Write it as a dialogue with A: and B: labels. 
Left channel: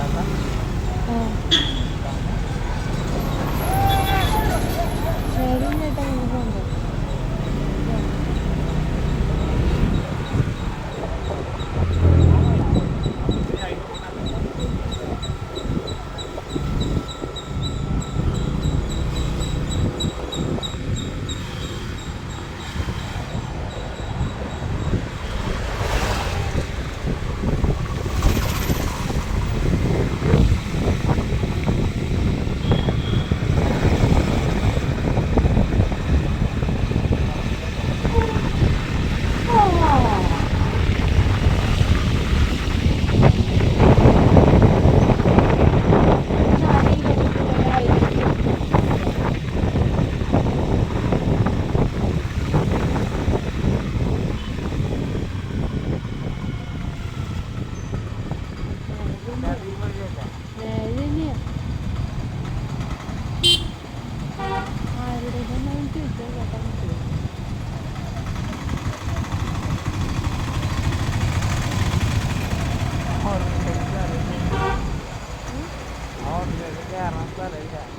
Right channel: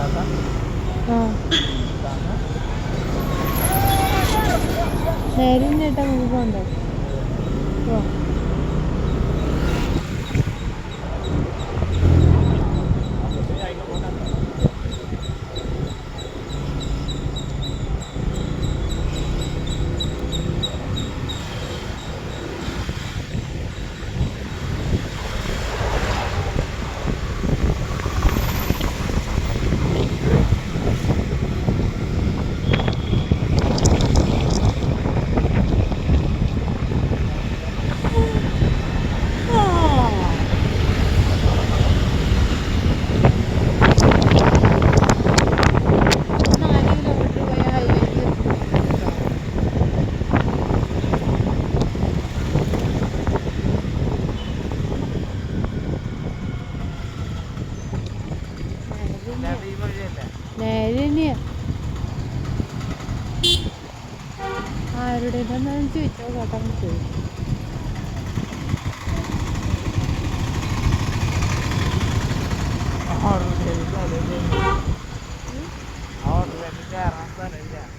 A: 갔다가 어. നേരെ തന്നെയാ ആരുടെ ചോദിച്ചോ കേട്ടോ ചോദിച്ചു.